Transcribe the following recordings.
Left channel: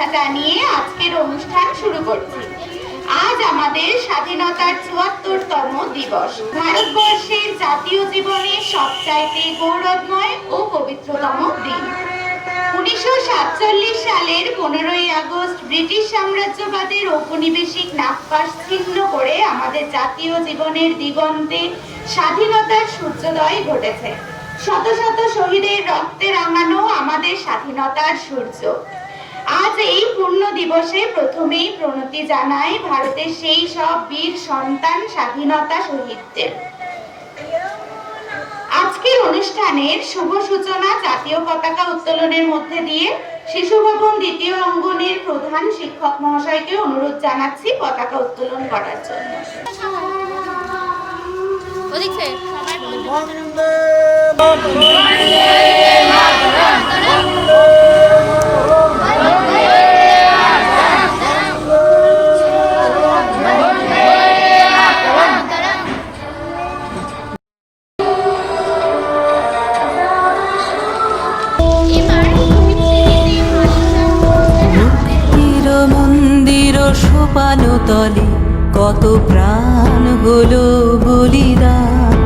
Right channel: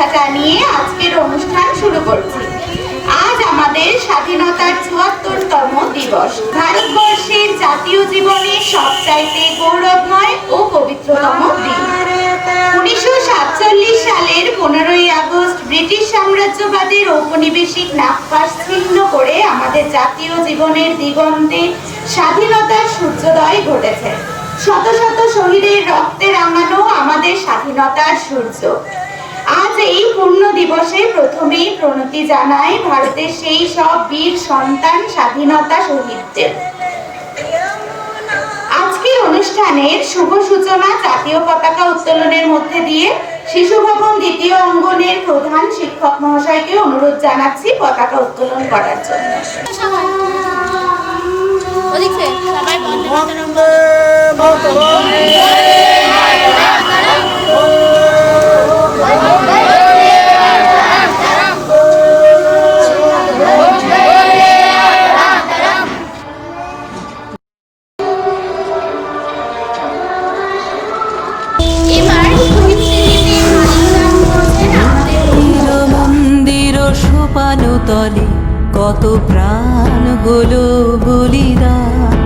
শুভেচ্ছা জানিয়ে আজকের অনুষ্ঠান শুরু করছি। আজ আমাদের স্বাধীনতার ৭৪তম দিবস। ভারতবর্ষের জাতীয় জীবনে সবচাইতে গৌরবময় ও পবিত্রতম দিন। ১৯৪৭ সালের ১৫ই আগস্ট ব্রিটিশ সাম্রাজ্যবাদের ঔপনিবেশিক নাগপাশ ছিন্ন করে আমাদের জাতীয় জীবনের দিগন্তে স্বাধীনতার সূর্যোদয় ঘটেছে। শত শত শহীদের রক্তে রাঙানো আমাদের স্বাধীনতার সূর্য। আজ এই পূর্ণ দিবসে প্রথমেই প্রণতি জানাই ভারতের সেই সব বীর সন্তান স্বাধীনতা শহীদদের। আজকের অনুষ্ঠানের শুভ সূচনা জাতীয় পতাকা উত্তোলনের মধ্যে দিয়ে শিশু ভবন দ্বিতীয় অঙ্গনের প্রধান শিক্ষক মহাশয়কে অনুরোধ জানাচ্ছি পতাকা উত্তোলন করার জন্য। সোপানো তলে কত প্রাণ হলো বলিদান,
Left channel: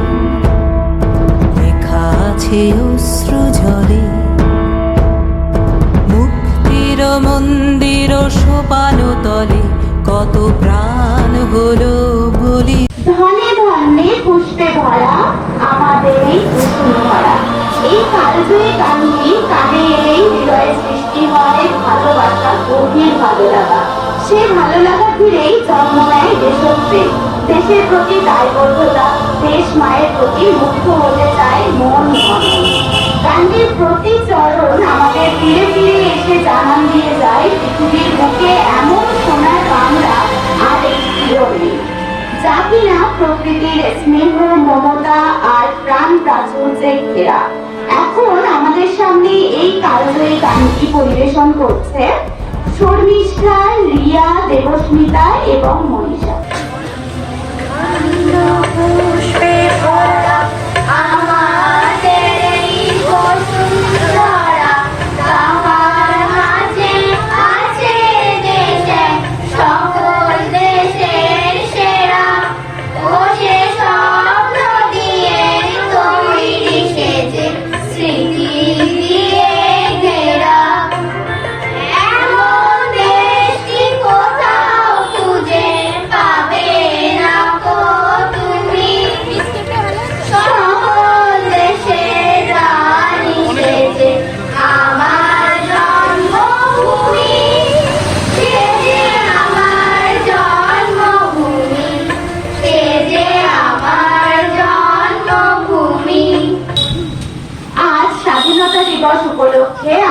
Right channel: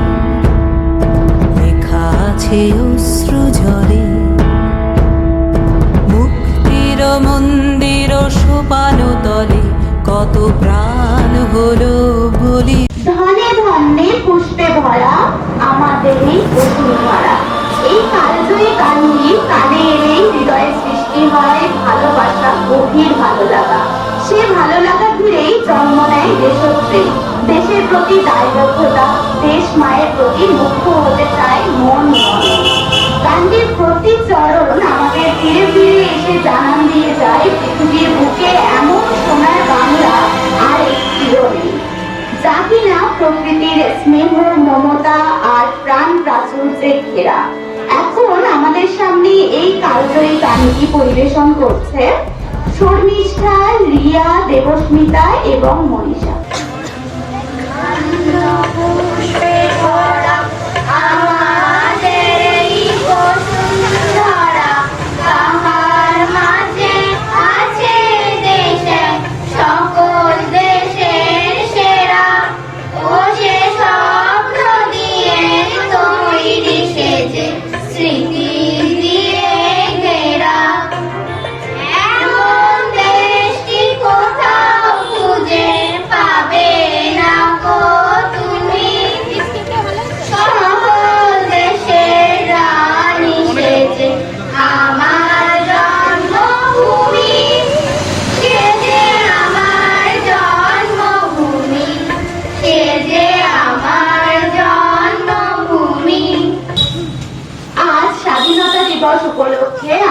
লেখা আছে অশ্রু জলে। মুক্তির মন্দির সোপানো তলে কত প্রাণ হলো বলি। ধনে ধনে পুষ্পে ভরা আমাদের এই বসুন্ধরা। এই কালজয়ী গানটি কানে এলেই হৃদয়ে সৃষ্টি হয় ভালোবাসা, গভীর ভালো লাগা। সে ভালো লাগা ঘিরেই জন্ম নেয় দেশপ্রেম, দেশের প্রতি দায়বদ্ধতা, দেশ মায়ের প্রতি মুগ্ধ হতে চায় মন। গানটির প্রতি চরণ আমাদের ফিরে ফিরে এসে জানান দিয়ে যায় পৃথিবীর বুকে এমন সোনার বাংলা আর একটিও নেই, যা কিনা প্রকৃতির স্নেহ, মমতা আর প্রাণ প্রাচুর্যে ঘেরা। এখন আমাদের সামনে এই কালজয়ী গানটি পরিবেশন করছে শর্মিষ্ঠা, রিয়া, দেবস্মিতা এবং মনীষা।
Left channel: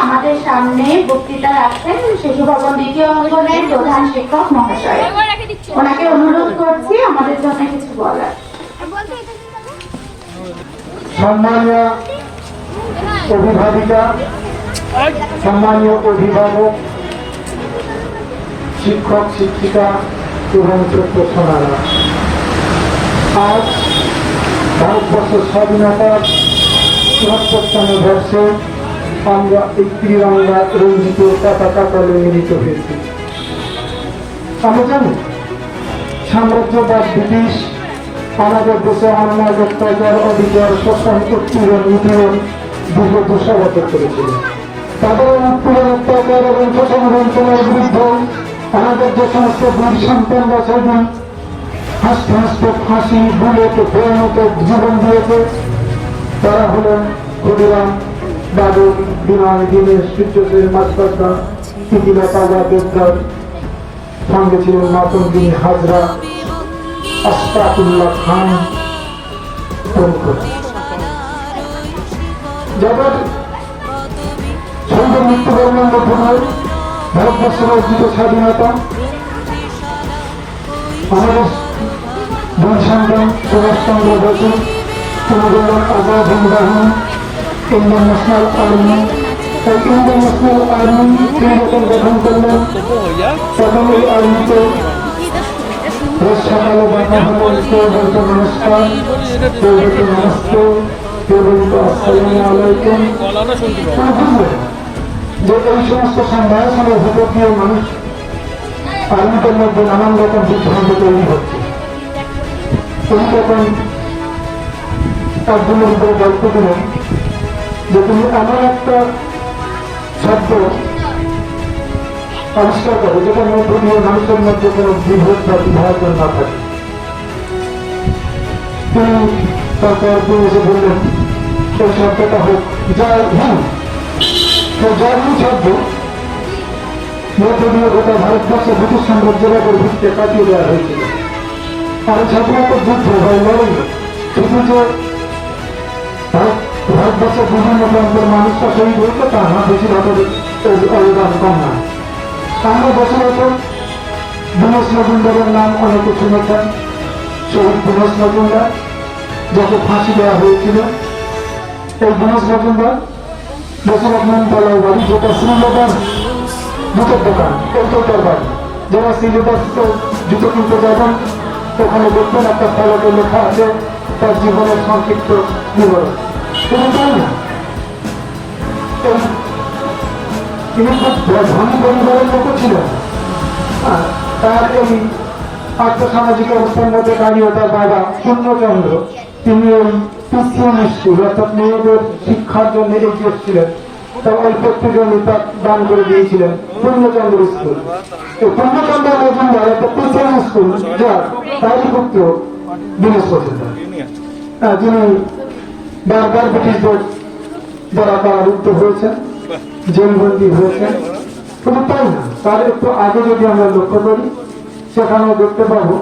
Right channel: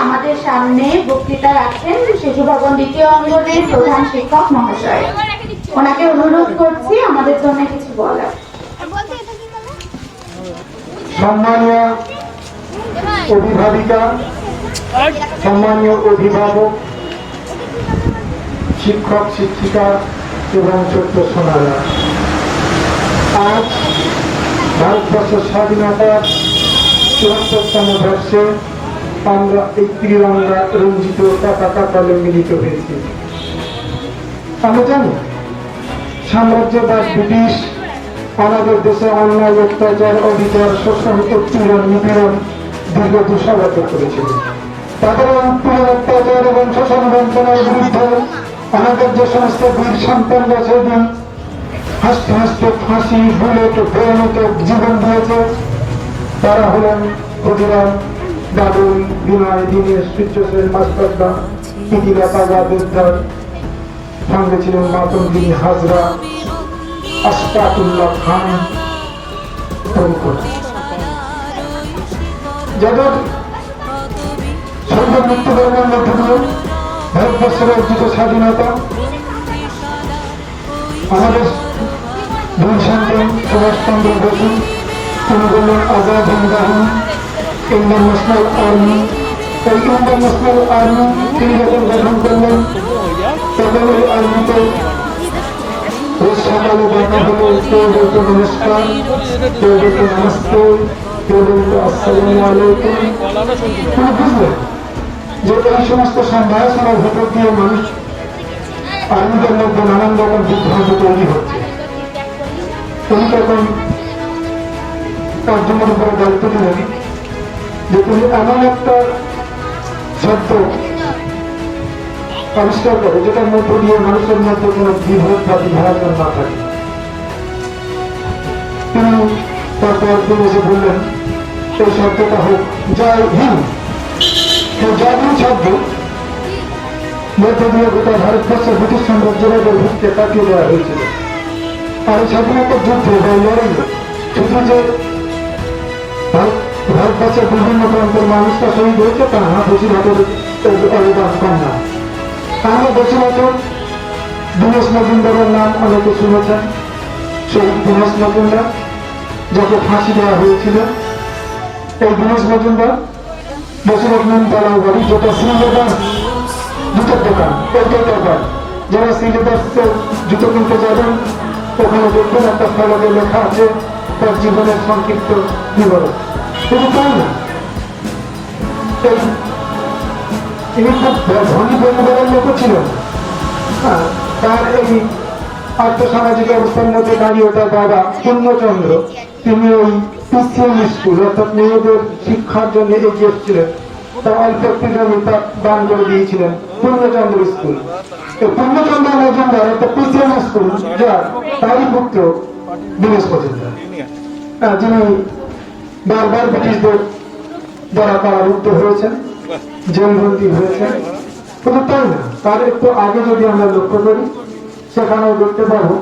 আমাদের সামনে বক্তৃতা রাখছেন শিশু ভবন দ্বিতীয় অঙ্গনের প্রধান শিক্ষক মহাশয়। ওনাকে অনুরোধ করছি আমাদের জন্য কিছু বলার। সম্মানীয় অভিভাবিকা, সম্মানীয় অভিভাবক, শিক্ষক শিক্ষিকা এবং ছোট্ট সোনারা, আজ ভারতবর্ষের স্বাধীনতার ৭৪তম বর্ষে আমরা এই ত্রিরঙ্গা রঞ্জিত পতাকা তলে মিলিত হয়েছি। আমরা জানি সাম্রাজ্যবাদ ব্রিটিশ আমাদের দেশে অন্যায়, অত্যাচার, অধিকার, শোষণ, উৎপীড়ন, নিপীড়ন দীর্ঘ দুঃসাগত করেছিল। তাদের উৎপীড়ন, অত্যাচার এবং শোষণ বঞ্চনার বিরুদ্ধে আমাদের যে সমস্ত বীর সন্তানরা সেদিন হাসতে হাসতে ফাঁসি, বুলেট, ভয়ানক জীবন দিয়েছে, তারা হলেন ক্ষুদিরাম, বাবুল, বিনয়, দীনেশ, সূর্যসেন, মাস্টারদা, ইতিলতা, জাবেদদার, সঙ্গে ছিলেন মাতঙ্গিনী হাজরা, আশফাকুল্লাহ খান, যাদের সঙ্গে মৃত্যুবরণের মধ্যে ভারতবর্ষের অর্জিত স্বাধীনতা আমাদের দুই সন্তান সুভাষচন্দ্র বসু, তিনি বললেন আজাদ হিন্দ বাহিনী, ইন্ডিয়ান ন্যাশনাল আর্মি। তাই ইন্ডিয়ান ন্যাশনাল আর্মি তিনি যখন গঠন করলেন তখন ওই আর্মিতে সকালে দেখা হলো, কেউ বলতো নমস্কার, কেউ বলতো নমস্তে, কেউ বলতো আসসালামু আলাইকুম। বুঝলেন যে এই সমস্ত সম্ভাষণের ভেতর দিয়ে মানুষ আর্মিদের মধ্যে নানান রকম বিদ্রোহ তৈরি হচ্ছে। তিনি তখন একজনের উপরে দায়িত্ব দিলেন যে তুমি এমন একটা শব্দ আবিষ্কার করো যেটার মধ্যে দিয়ে মানুষের মধ্যে কোনো বিভেদ বা বিভাজন না থাকে। তিনি তারপর এসে বললেন এই শব্দটা হোক জয় হিন্দ। এই জয় হিন্দ শব্দ মধ্যে দিয়ে গোটা ভারতবর্ষে ব্রিটিশ সাম্রাজ্যের ভিত্তিতে কাটিয়ে দেওয়া হয়েছিল। আর সাধারণত যুদ্ধ হয় লড়াই, শুধু যে ভারতবর্ষের বিভিন্ন প্রান্তের মানুষরা শহীদ হয়েছে তা না, বেশিরভাগ অবদান কম না। আমরা বেশিরভাগ দীনেশ মজুমদারের নাম অনেকে শুনেছেন। শহীদ দীনেশ মজুমদার, যাকে ফাঁসি দেওয়া হয়েছিল। এই দীনেশ মজুমদার বেশিরভাগ নিমতলার বাড়ি, যেটা শ্রীলেদার জুতোর দোকান, এই জুতোর বাড়ি। যারা শ্রীলেদার জুতো কিনতে যাবেন ওখানে দেখবেন একটা ফলকে লেখা আছে তার জীবনের সংক্ষিপ্ত বিবরণ। শুধু তাই না, তিনি খুব ধনী পরিবারের লোক ছিলেন। তার এই আর্থসামাজিক অবস্থার মধ্যে দাঁড়িয়ে তার বাবা পূর্ণচন্দ্র, তিনি ওই ক্রিশ্চিয়ান স্কুল অর্থাৎ মেয়েদের শিক্ষার জন্য এগিয়ে এসেছিলেন। তার অল্প একটু জমি তার দান করে দিয়েছিলেন পূর্ণচন্দ্র স্কুল। এই পূর্ণচন্দ্র মজুমদার একটা ক্রিশ্চিয়ান স্কুল, যার তারই পুত্র দীনেশ মজুমদার, যিনি বারবার ব্রিটিশদের দ্বারা কারারুদ্ধ হয়েছেন, জেলবন্দী হয়েছেন। কিন্তু তাই না, তার একটু আগে যদি আমরা লক্ষ্য করি সেখানেও দেখতে পাবো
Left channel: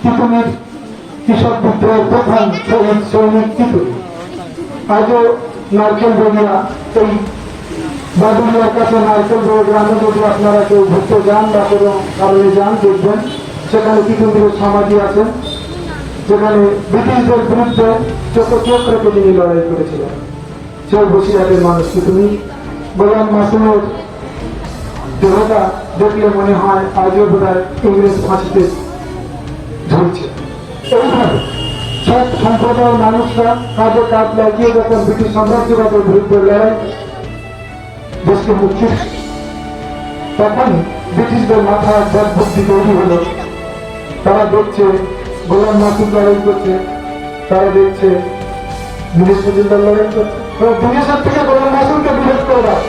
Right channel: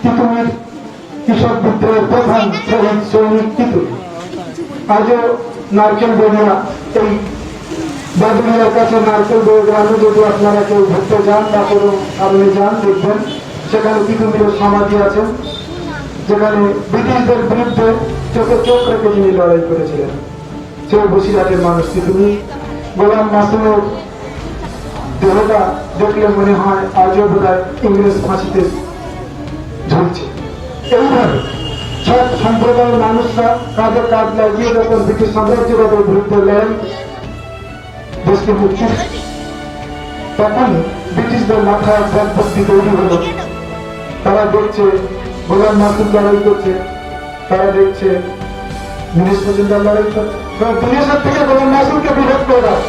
তিতুমির কৃষক বিদ্রোহের প্রধান শহীদ সৈনিক তিতুমি। আজও নারকেল বেরিয়া, এই বাদুলিয়ার কাছে নারকেল বেড়ে গ্রামে যদি আপনারা কেউ ঘুরতে যান বা কোনো কারণে যান, দেখবেন সেখানে তিতুমির সমাধি আছেন, যেখানে ব্রিটিশদের বিরুদ্ধে চোখে চোখ রেখে তিনি লড়াই করেছিলেন। সেই বসিরহাটের মানুষ তিতুমি। গোলাম মাসুমের দেহটা দেখলে মনে হয় আজও বোধহয় ইংরেজ ফাঁসিতে ঝুলছে। এইভাবে সব সম্প্রদায়ের মানুষরা কাজে কাজ লাগিয়ে যখন ব্রিটিশ সাম্রাজ্যবাদের বিরুদ্ধে লড়াই দেশকে মুক্তি, তখন ব্রিটিশদের মাথায় একটা বুদ্ধি তৈরি হল। তারা দেখছে গোলাম মাসুম লড়াই করছে, তারা দেখছে দীনেশ মজুমদার লড়াই করছে, দীনেশের থেকে গোলাম মাসুমকে বিরোধ করে দেয়।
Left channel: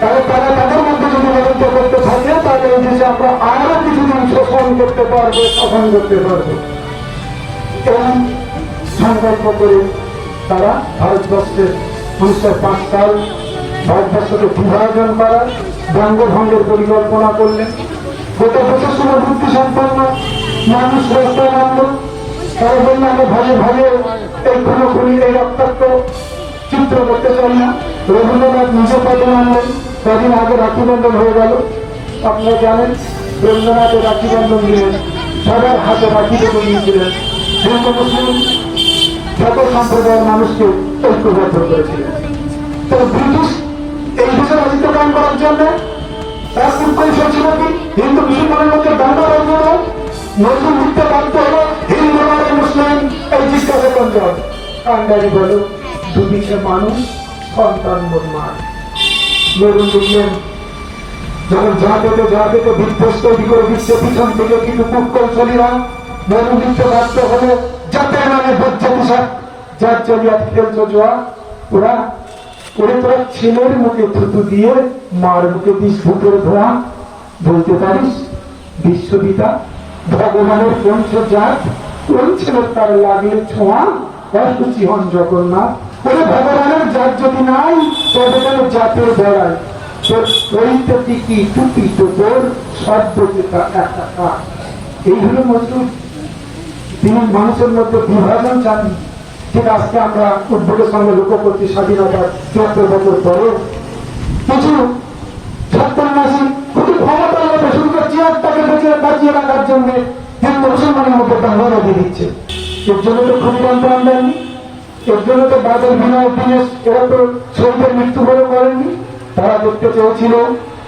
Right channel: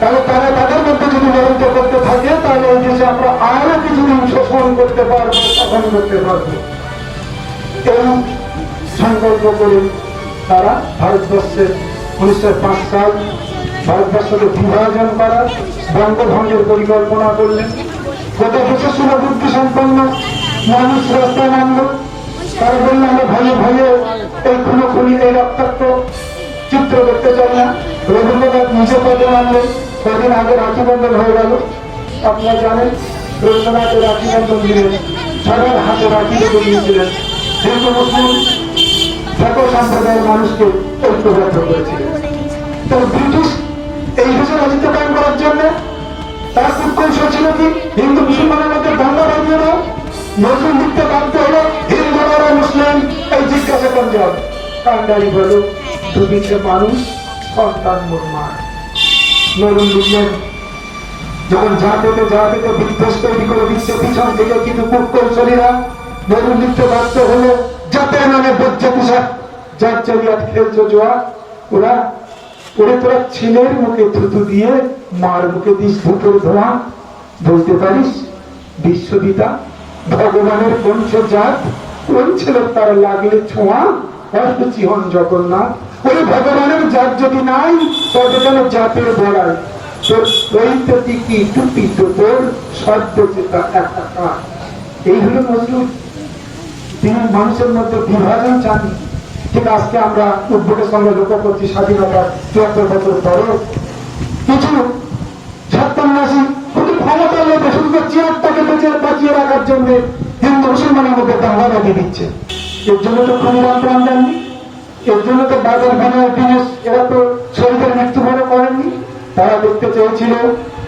তাহলে তারা তাদের মধ্যে যদি লড়াইটা করতে থাকে তাহলে এই দেশে আমরা আরো কিছুদিন শোষণ করতে পারবো, শাসন করতে পারবো। এই সংকল্প করে তারা ভারতবর্ষের 1905 সাল ভারতবর্ষকে বিভাজন করার বঙ্গভঙ্গের পরিকল্পনা করলেন। গোটা দেশের সুরবুদ্ধি সম্পন্ন মানুষ রাস্তায় নামল। তারা বললেন আমরা ভাইয়ে ভাইয়ে এই খুনি এই রক্তাক্ত চিত্র করতে চাই না। রবীন্দ্রনাথ নিজে পদে নামলেন। কদিন আগে রাখি বন্ধন হয়ে গেল, আপনারা জানেন। রবীন্দ্রনাথের রাখি বন্ধন দিলেন, সবার হাতে রাখি রেখে দিয়েছিলেন, যেহেতু মুসলিম জাতীয় সম্প্রদায়ের মানুষকে ঐক্যবদ্ধ করেছিলেন। তো ব্রিটিশ এই দেশে রাজত্ব কায়েম করার জন্য তার খুব কৌশল ছিল কি, হিন্দু মুসলমানের মধ্যে দ্বন্দ্ব রাখবে না, নজরুল লিখতে বাধ্য হলো হিন্দু আর মুসলিম। এই জিজ্ঞাসা পঞ্জাব কান্ডারি বলো দুদিকে মানুষ সন্তান মোট মার। নজরুল লিখলেন যখন যা পেতে বিদ্বেষ তৈরি করে দিচ্ছে পিছন থেকে কিছু কুকৌশলীরা, নজরুল লিখতে বাধ্য হলো যাতে নামে বজ্জে পোশাক যার চলিয়া খেলছো জোয়া, ওরা ওরে তোরা ছেলের মুখে থুতু দিয়ে মার মুখে দিস ধুকের ধোয়া, বলতে পারিস বিশ্ববিতা ভগবানের বংশজাত, কোন ছেলের তার লাগলে ছোঁয়া অসুচি হন জগন্নাথ। ওরে ভগবানের জাত যদি নাই তবে যেন জাতের বেড়ায়, তোর পরিতে টিকি টুপি তো তোর শব্দ চেতা একা। এই হলো মজবুত। তিনি মানুষের মধ্যে বিভাজন চান। ঠিক আজকে আমরা উদ্ভোগের সঙ্গে লক্ষ্য করছি স্বাধীনতার ৭৪ বছর পরেও কিছু সত্যন্যাসী শুধু ক্ষমতা নেই, শুধু চেয়ারটাকে বাঁচিয়ে রাখার জন্য হিন্দু মুসলমানের মধ্যে দাঙ্গা লাগিয়ে দিচ্ছে। এর জন্য তো ক্ষুদিরাম প্রাণ দেননি, এর জন্য তো বাদল বিনয় দীনেশ এরা তো শহীদের মৃত্যুবরণ করেননি। তারা দেখতে চেয়েছিল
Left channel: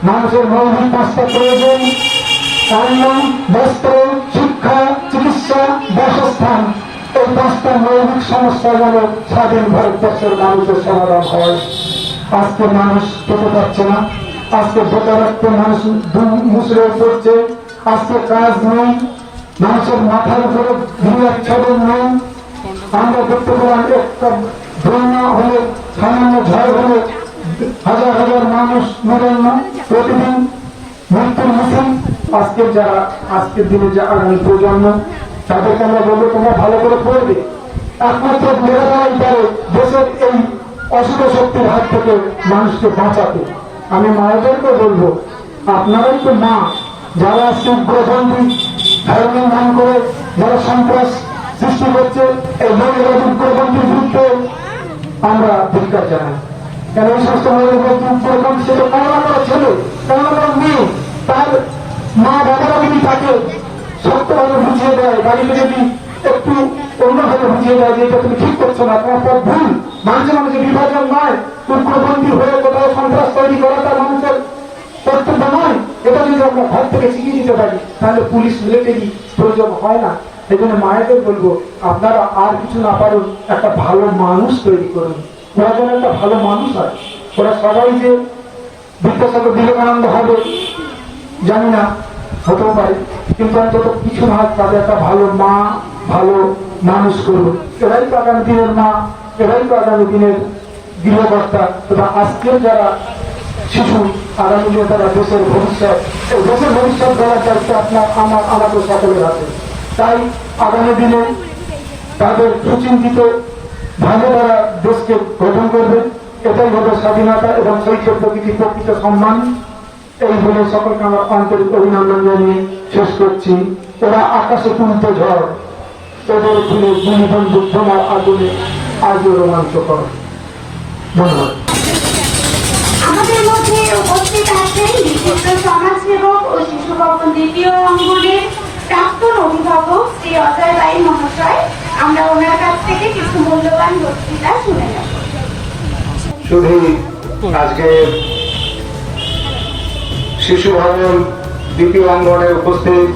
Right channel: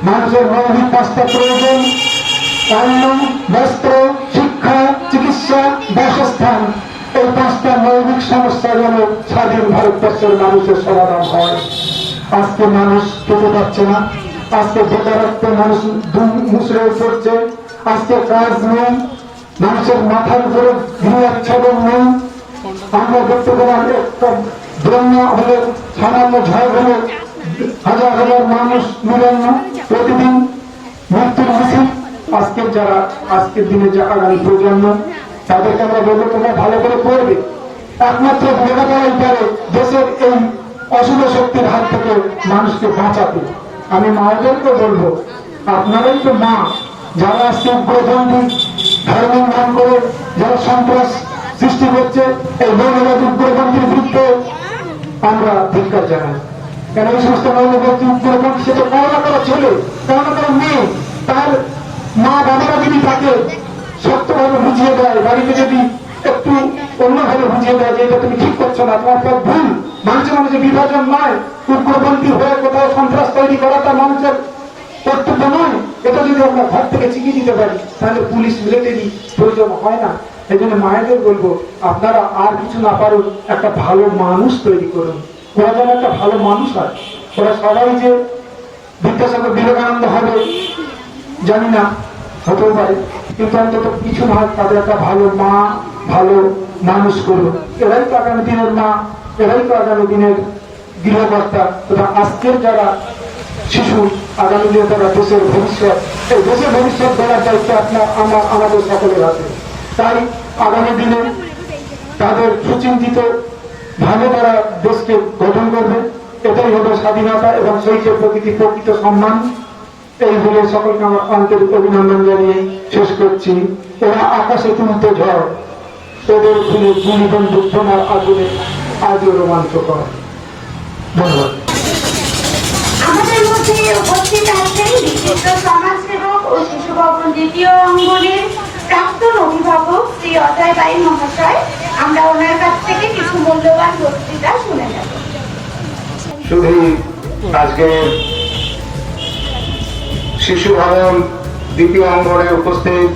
মানুষের মৌলিক ৫টা প্রয়োজন, অন্ন, বস্ত্র, শিক্ষা, চিকিৎসা, বাসস্থান। এই ৫টা মৌলিক সমস্যা যেন স্বাধীন ভারতবর্ষের মানুষের সমাধান হয়। আজকে মানুষ খেতে পাচ্ছে না, আজকে বেকারত্বে মানুষ মুসড়ে পড়ছে, আজকে কাজ নেই, মানুষের মাথার উপরে গৃহাচ্ছাদন নেই। আমরা দেখতে পেলাম একটা বন্যা হলে, সামান্য ঝড় হলে হাজার হাজার মানুষ নিরন্ন, প্রতিদিন মৃত্যুর মিছিল। আজকের যারা আজকের দিনে যে আগামী প্রজন্ম, তাদেরকে আমরা বলবো তোমরা ভালো করে পড়বে। একমাত্র মেধাতারাই পারে দেশের এই অশুভ শক্তির হাত থেকে মানুষকে বাঁচাতে। আমি মায়েদেরকে বলবো, আপনারাই তো মা, যারা আজকে উগ্রপন্থী ধর্মের নাম করে যারা সন্ত্রাস সৃষ্টি করছে, এই মহিলাদের উগ্রপন্থীর বিরুদ্ধে আমরা ধিক্কার জানাই। কেন এই সমস্ত মহিলাদের উগ্রপন্থী, সেটা কেমন করে ছেলে, কেমন করে মেয়ে, তার মা বাবারা যদি তাকে সত্যভাবে বুঝিয়ে দেয়, বাড়িতে যদি একটু অন্যভাবে বুঝিয়ে দেয় যে এটা তুমি ঠিক করছো না, তারপর ভুল, মানুষের মধ্যে বিভাজন নয়, উগ্রপন্থী হয়ে কোথাও সন্ত্রাস তৈরি করাটা মানুষের কর্তব্য নয়, এটা যদি আমরা ঘর থেকে শিখিয়ে দিতে পারি, তাহলে পুলিশ মিলিটারি প্রয়োজন হয় না। এই জন্য মায়েদের বলবো, আপনারা আর কিছু না পারেন, একটা ভালো মানুষ তৈরি করুন। ওরা যেন একটা ভালো মানুষ হয়। ওরা সবাই যে বিদ্যাসাগর বিবেকানন্দ হবে জানি না, হতেও পারে, কিন্তু অন্তত কিছু নয়, তাদের একটা ভালো মা, ভালো মানুষ করবে। এরাই তো আগামী দিনের মা, এরাই তো আগামী দিনের গৃহকর্তা। তথা আজকের যারা শিশু, আগামী দিনে তারা দেশের ভবিষ্যৎ, এই দেশের ভবিষ্যৎ গড়ার দায়িত্ব আমাদের সকলের হাতে। তাই আগামী দিনে তাদের সুচিন্তিত ভাবে তারা দেশকে গঠন করবে। এটাই হবে স্বাধীনতা এবং শহীদের প্রকৃত সম্মান। এই বলে সকলকে আমার আন্তরিক অভিনন্দন জানিয়ে শেষ করছি। এরা আকাশে তুলতে ঝড়, এদের ফুলে গুলিবন্ধু বোমার আগুনে আজও রোমাঞ্চকর। ধন্যবাদ। আমাদের মধ্যে উপস্থিত আছেন বিশিষ্ট সমাজসেবক ও শিশু ভবন দ্বিতীয় অঙ্গনের প্রাক্তন অভিভাবক শ্রী অজয় রায় মহাশয়। আমরা ওনার কাছ থেকে কিছু মূল্যবান বক্তৃতা শুনে নেব। শুধু আজকে শিশু ভবন দ্বিতীয় অঙ্গনে উপস্থিত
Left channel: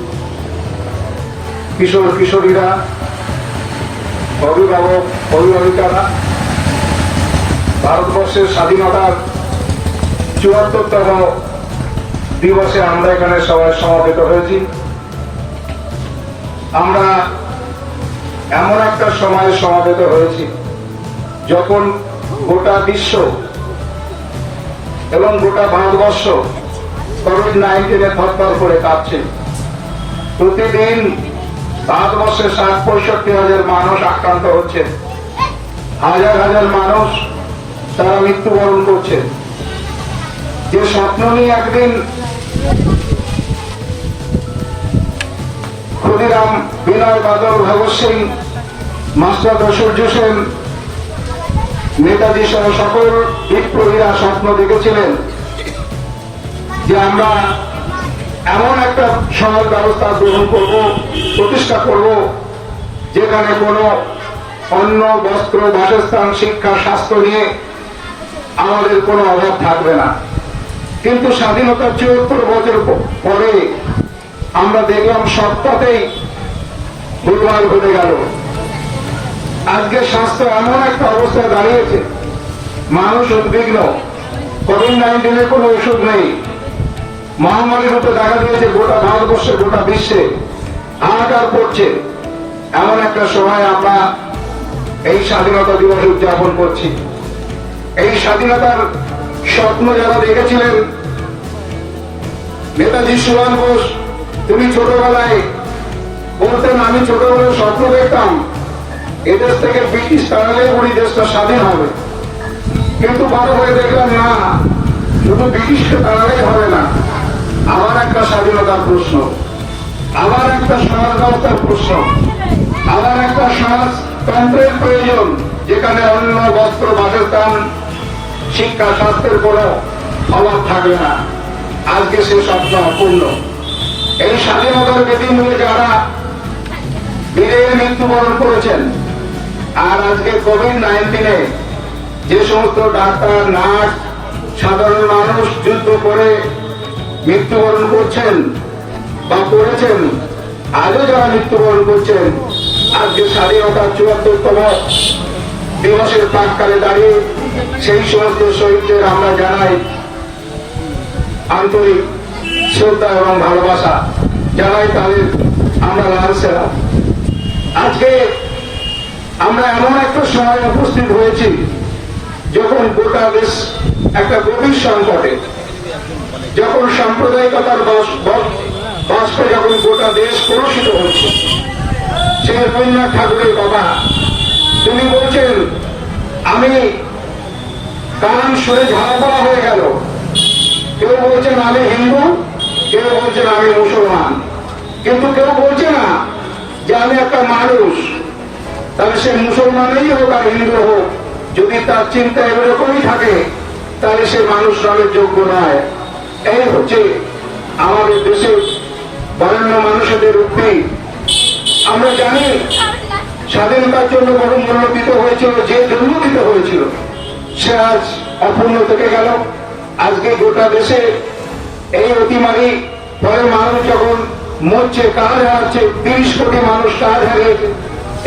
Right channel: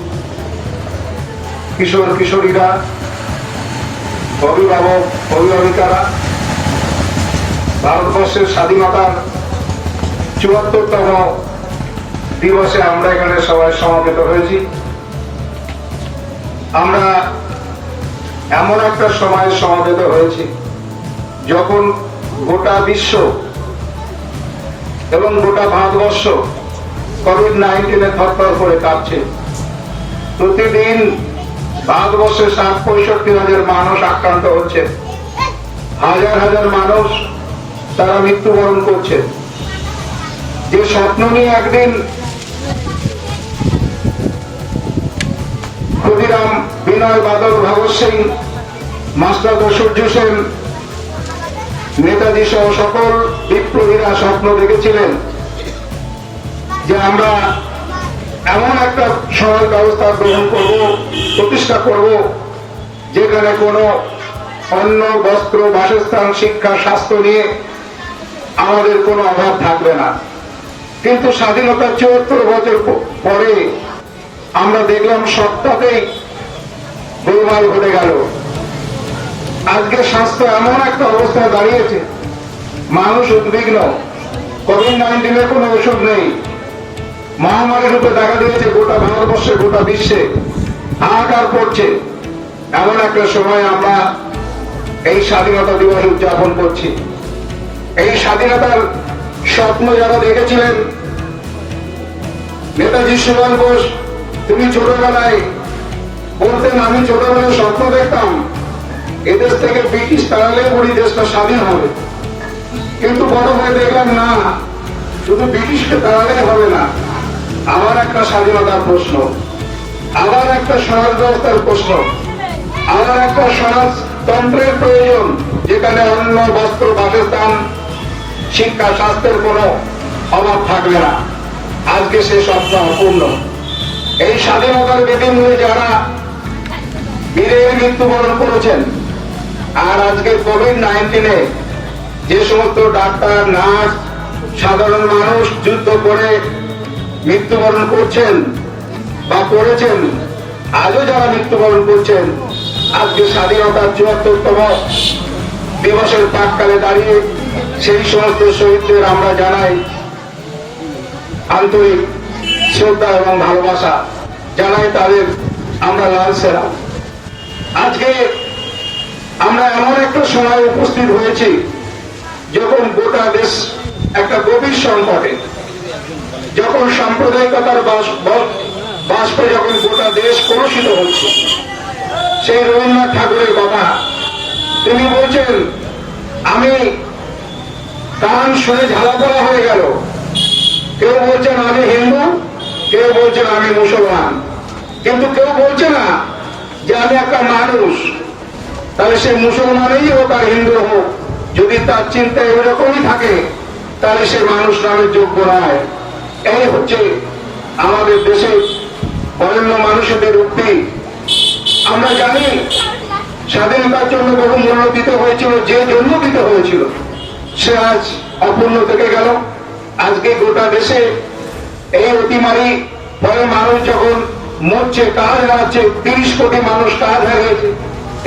কিশোর কিশোরীরা, অভিভাবক অভিভাবিকারা, ভারতবর্ষের স্বাধীনতার ৭৪তম দিবসে আমরা এখানে সবাই সমবেত হয়েছি। আমরা এমন একটা সময়ে সমবেত হয়েছি যখন গোটা বিশ্ব এবং গোটা ভারতবর্ষ কোভিড-19 থরথর করে কাঁপছে। প্রতিদিন ভারতবর্ষে ৬৫,০০০ মানুষ আক্রান্ত হচ্ছে, হাজার হাজার মানুষ তারা মৃত্যুবরণ করছে। যে স্বপ্ন নিয়ে একদিন ক্ষুদিরাম, বিনয় বাদল, ভগৎ সিং, মাস্টার সূর্য সেন, নেতাজি সহ সকল বিপ্লবীরা স্বপ্ন দেখেছিলেন যে আমরা এমন একটা সমাজ ব্যবস্থা গ্রহণ করব, প্রতিষ্ঠা করব, যেখানে কোনো অন্ন, বস্ত্র, বাসস্থান, শিক্ষা, স্বাস্থ্য নিয়ে আমাদের কোনো অভাব থাকবে না। কিন্তু স্বাধীনতার ৭৪ বছর পরে আমরা দেখলাম সবটাতেই গোলমাল ঘটে গেল। আজকে স্বাস্থ্য এমন একটা অবস্থায় দাঁড়িয়েছে, মানুষ উদ্বিগ্ন। কোভিড-19 কোনো ওষুধ নেই, মহামারী রূপে দেখা দিয়েছে গোটা ভারতবর্ষে, গোটা বিশ্বে হাহাকার করছে। এমন একটা সময় আমরা এই স্বাধীনতা দিবস উদযাপন করছি। এই স্বাধীনতার স্বপ্ন যারা দেখেছিলেন, নেতাজি সুভাষ বোস, তিনি ছোটবেলায় বলতেন, আমি ছোটবেলায় স্বপ্ন দেখতাম এদেশ থেকে ব্রিটিশ তাড়ালে পুরো দেশটা স্বাধীন হবে। কিন্তু বড় হয়ে দেখলাম না, শুধু ব্রিটিশকে তাড়ালেই হবে না, আবার একটা স্বাধীনতার প্রশ্ন, আবার একটা সমাজ ব্যবস্থার প্রশ্ন, আবার একটা সমাজতন্ত্রের প্রয়োজন, যেখানে অন্ন, বস্ত্র, বাসস্থান, শিক্ষা, স্বাস্থ্যের কোনো অভাব থাকবে না। আজকে সে স্বপ্ন অপূর্ণ। এই স্বাধীনতার বেদিন নিয়ে যারা বীরের মৃত্যুবরণ করেছেন, আর আজকে কোভিড-19 যে সমস্ত ডাক্তার, নার্স, সাধারণ মানুষ যুদ্ধ করে মৃত্যুবরণ করছেন বা করেছেন, আজও যারা মৃত্যুবরণ করছেন, আজকে স্বাধীনতার ৭৪তম দিবসের প্রাক্কালে দাঁড়িয়ে সেই সমস্ত শহীদদের আমরা জানাই আন্তরিক শ্রদ্ধা এবং ভালোবাসা, জানাই তাদের আমরা লাল সেনা। আজকে আমরা এমন একটা সময় উপস্থিত হয়েছি যখন গোটা দেশ একটা গভীর সংকটে, যখন সাম্প্রদায়িকতার বাষ্পে যখন গোটা দেশ কলুষিত হচ্ছে। সেই রবীন্দ্রনাথ ঠাকুরের কথা, তিনি বলছেন আমি কান শুনে ঝালাপোড়া হয়ে গেল। কেউ বলছেন আমি হিন্দু, কেউ বলছেন আমি মুসলমান, কিন্তু কেউ বলছে না যে আমি একটা মানুষ। তাহলে সে মুসলমানই হোক আর হিন্দু হোক, যদি তার চিন্তা এরকমই থাকে তাহলে সে মানুষ নামের যোগ্য নয়। এই হচ্ছে আমাদের দেশে বরেণ্য মানুষদের উক্তি। আমরা জানি স্বাধীনতার জন্য বহু মূল্য দিতে হয়েছিল, যে জন্য দিতে হয়েছিল সে আজ অপূর্ণ থেকে গেল। আজকে গোটা দেশে এই অতিমারি ফলে মানুষ যখন মরছে, কাজ হারাচ্ছে, 30 কোটি মানুষ কাজ হারিয়েছে।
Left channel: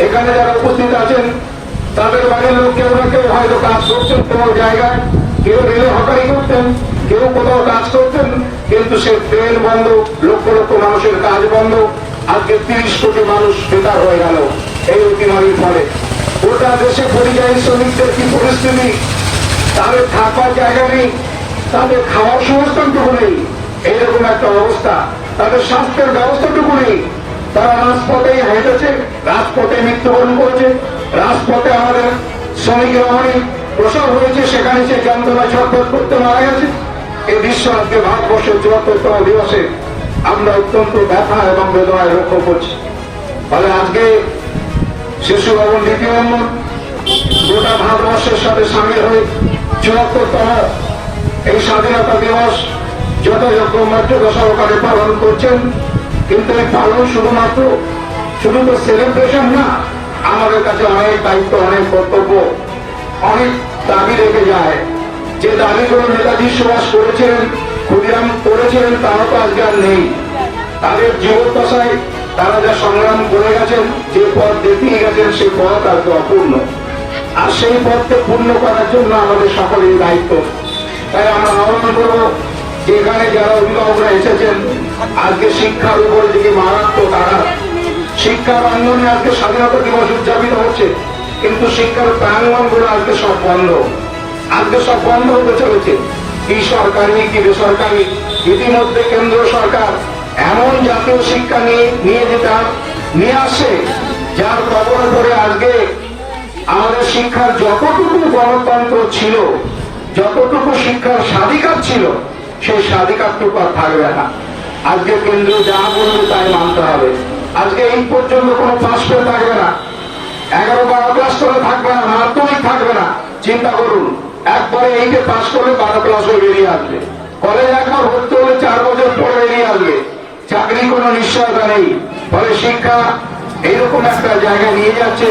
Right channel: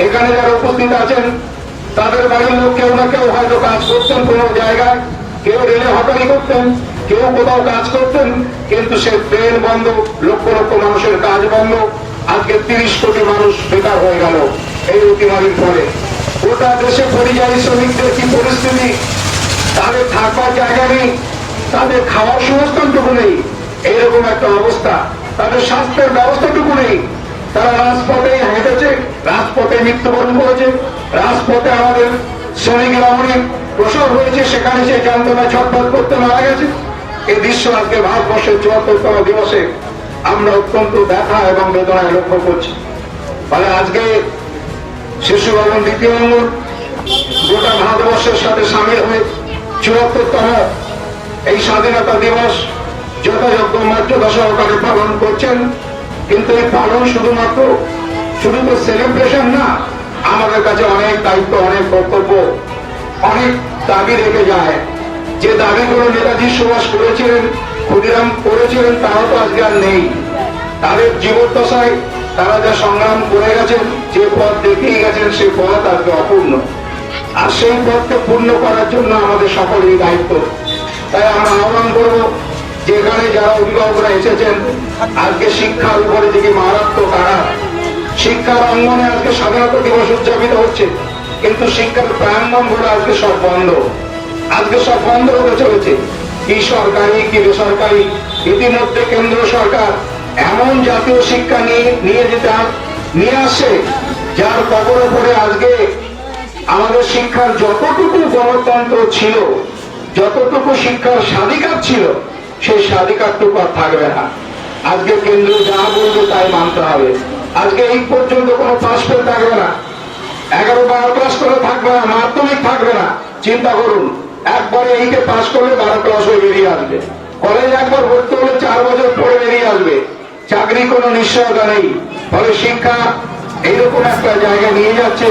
এখানে যারা উপস্থিত আছেন তাদের বাড়ির লোক কেউ না কেউ হয়তো কাজ করতেন কোনো জায়গায়, কেউ রেলে হকারি করতেন, কেউ কোথাও কাজ করতেন, কিন্তু সে ট্রেন বন্ধ, লক্ষ লক্ষ মানুষের কাজ বন্ধ। আজকে 30 কোটি মানুষ বেকার হয়ে গেল এই অতিমারির ফলে। গোটা দেশে পরিযায়ী শ্রমিকদের কি পরিস্থিতি, তাদের থাকবার জায়গা নেই, তাদের খাওয়ার সংস্থানটুকু নেই, এইরকম একটা অবস্থা। তাদের স্বাস্থ্যের ব্যবস্থাটুকু নেই। তারা রাজপথে হেঁটেছে, রাজপথে মৃত্যুবরণ করেছে, রাজপথে আমাদের শ্রমিক রমণীর প্রসব হয়েছে, সেখানে সে যন্ত্রণা ছটফট করতে মারা গেছে। এই দৃশ্য আজকে ভারতবর্ষের 74তম দিবসে আমরা অত্যন্ত ব্যথা এবং বেদনায় লক্ষ্য করছি। ফলে আজকে শিশু ভবন দ্বিতীয় অঙ্গন গোটা ভারতবর্ষের সাথে সামিল হয়ে 74তম এই স্বাধীনতা দিবস যথাযোগ্য মর্যাদা সহকারে পালন করছেন। কিন্তু এই পালন শুধু তো সেলিব্রেশন না, আমাদের কাছে অনেক দায়িত্ব, অনেক কর্তব্য, অনেক দাবি রেখে যায়। যে দাবিগুলো নেতাজি সুভাষ করেছিলেন, ক্ষুদিরাম করেছিলেন, তাও তো আজকে আর নেই। তাদের জীবদ্দশায় তারা যা সংগ্রাম করে গেছেন, যে পথ দেখিয়ে গেছেন, সেই পথ আজকে অপূর্ণ। আর সেই পথকে পূর্ণ করার জন্য আমাদের সকলের দায়িত্ব। তাই আমরা আহ্বান করব, যেখানে যারা অভিভাবকরা এসেছেন, আজকে শিক্ষার উপরে দিকে মারাত্মক আঘাত। শিক্ষার অঙ্গনে আজকে স্বাধীনতা দিবস উদযাপিত হচ্ছে, কিন্তু শিক্ষার প্রাঙ্গণ গুলো আজকে সব বন্ধ। আজকে সব বন্ধ হতে চলেছে, কি সরকারি কি বেসরকারি। ইতিমধ্যে কেন্দ্র সরকার এমন জাতীয় শিক্ষা নিয়ে আসে, যার কবরে ধরে আজকে আমাদের শিক্ষার যতটুকু গণতন্ত্র ছিল, যতটুকু শিক্ষার স্বাধিকার ছিল, সেই স্বাধিকারটুকু আর থাকবে না। আজকে কেন্দ্র যা বলবে তাই মানতে হবে। আজকে এই পর্যন্ত কোনো পাস ফেল থাকবে না, 11-12 ক্লাস করে থাকবে না, মাধ্যমিক থাকবে না। চিন্তা করুন, একবারে এইটে পাস করলে 12 ক্লাস হয়ে বেরিয়ে আসবে, কলেজ একবার ভর্তি হলে 4 বছর পরে বেরিয়ে আসবে, চাকরি কোনো নিশ্চয়তা নেই। ফলে শিক্ষা এইরকম একটা জায়গায় নিয়ে যাচ্ছে,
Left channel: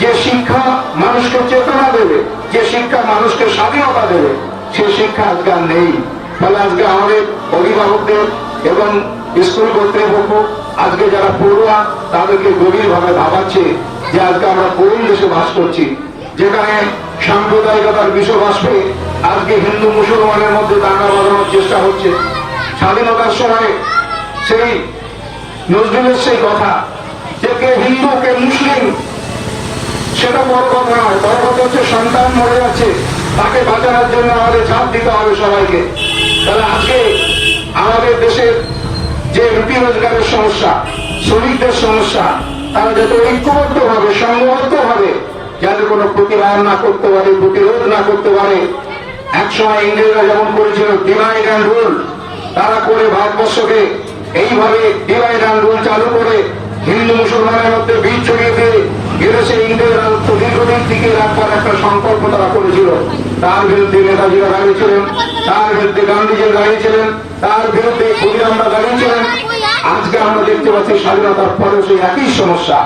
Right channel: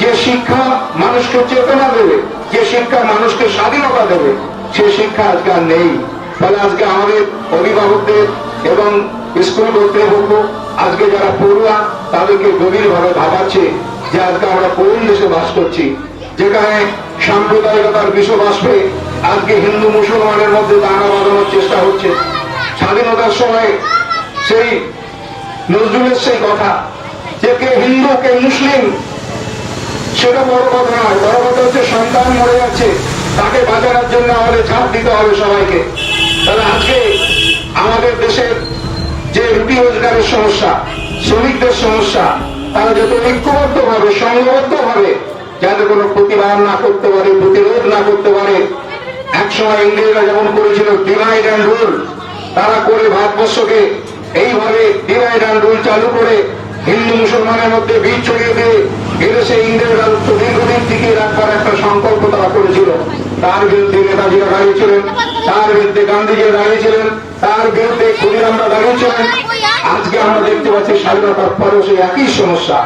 যে শিক্ষা মানুষকে চেতনা দেবে, যে শিক্ষা মানুষকে স্বাধীনতা দেবে, সে শিক্ষা আজকে আর নেই। ফলে আজকে আমাদের অভিভাবকদের এবং স্কুল কর্তৃপক্ষ, আজকে যারা পড়ুয়া, তাদেরকে গভীরভাবে ভাবাচ্ছে যে আজকে আমরা কোন দেশে বাস করছি, যেখানে সাম্প্রদায়িকতার বিষবাষ্পে আজকে হিন্দু মুসলমানের মধ্যে দাঙ্গা বাঁধানোর চেষ্টা হচ্ছে। স্বাধীনতার সময় সেই নজরুলের সেই কথা যে কে হিন্দু কে মুসলিম, সেটা বড় কথা নয়। বড় কথা হচ্ছে সন্তান মরে যাচ্ছে, তাকে বাঁচানোর জন্য আমাদের ঝাঁপ দিতে হবে সবাইকে। তাহলে আজকে আমাদের দেশের যে রুটি রোজগারের সমস্যা, শ্রমিকদের সমস্যা, তারা যত ঐক্যবদ্ধ ভাবে, সংঘবদ্ধ ভাবে যাতে কোনো প্রতিবাদ না করতে পারে, প্রতিরোধ না করতে পারে। একসময় ইংরেজরা যেমন করেছিল ডিভাইড অ্যান্ড রুল, তারা করে ভারতবর্ষকে এইভাবে ডিভাইড অ্যান্ড রুল চালু করে হিন্দু মুসলমানের মধ্যে বীজ ছড়িয়ে দিয়ে এদেশে ইংরেজ রাজত্ব দীর্ঘদিন টিকিয়ে রাখবার একটা সংকল্প তারা করেছিল। তার বিরুদ্ধে নেতাজিরা দাঁড়িয়েছিলেন, তার বিরুদ্ধে গান্ধীজি দাঁড়িয়েছিলেন, তার বিরুদ্ধে ক্ষুদিরামরা দাঁড়িয়েছিলেন। আজকে আমরা দেখতে পাচ্ছি স্বাধীনতার পরেও সেই একই সমস্যা,